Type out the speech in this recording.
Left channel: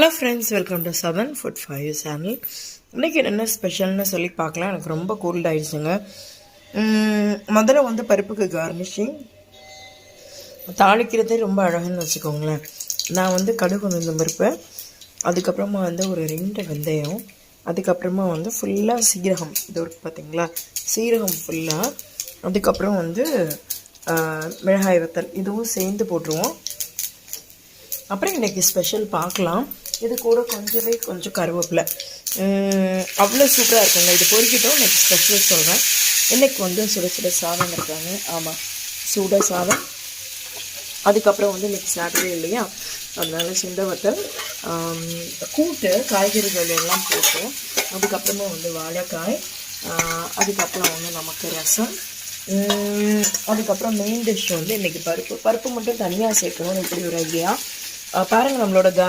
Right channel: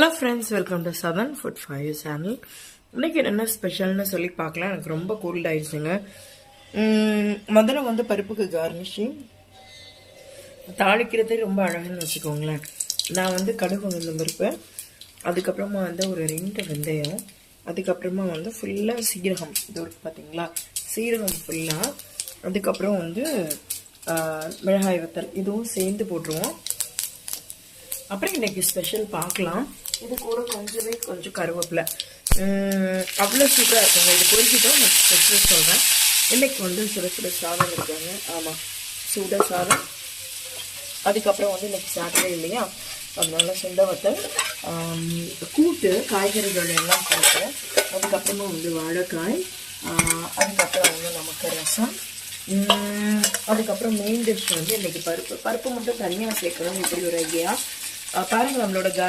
Hello friends, welcome to southern food for you channel. இன்றைக்கி என்ன ஸ்பெஷல்னு சொல்லி பார்க்கலாம். எனக்கு ரொம்ப கோல்ட் ஆகிடுச்சுங்க. முதல்ல பருப்புக்கு கார்னிஷிங் தாளிக்கிறதே ரொம்ப அழகுன்னு வச்சுக்கோங்களேன். நான் கடுகு உளுந்தம் பருப்பு, அதுக்கப்புறமா ஒரு 2 வெந்தயம், அதுக்கப்புறமா ஃபுல்லாக சீரகம், இது பார்த்தீங்களா, சீரகம் ஃபுல்லாக, அதுக்கப்புறம் மிளகாய் வத்தல் இதுவும் சேர்ந்து போட்டுருவோம். அப்புறம் இன்றைக்கி ஸ்பெஷல் பார்க்கலாம். இது கூட கொஞ்சம் கருவேப்பிலை, அவ்வளோ சூப்பராக இருக்குங்க. இது பொறிக்கிட்டோம். இன்றைக்கி ஸ்பெஷல் சொல்கிறேன். இன்றைக்கி சுட சுட சாதம் இருக்காங்க. ஆமாம், சுட சாதம். அதுக்கப்புறம் இன்றைக்கி சாட்டர்டே இல்லையா, அதனால சுண்ட வத்தல், கூட்டு, காய்கறிகள் எல்லாம் போட்டு, அதுக்கப்புறமா வாழைக்காய், அதுக்கப்புறம் நமக்கு ரசம், அதுக்கப்புறம் மெயின் டிஷ் இன்றைக்கி பருப்பு மட்டும் தனியாக சேர்க்கணும். இப்படி ஒரு ஐடியா பாருங்கள். நம்மளோட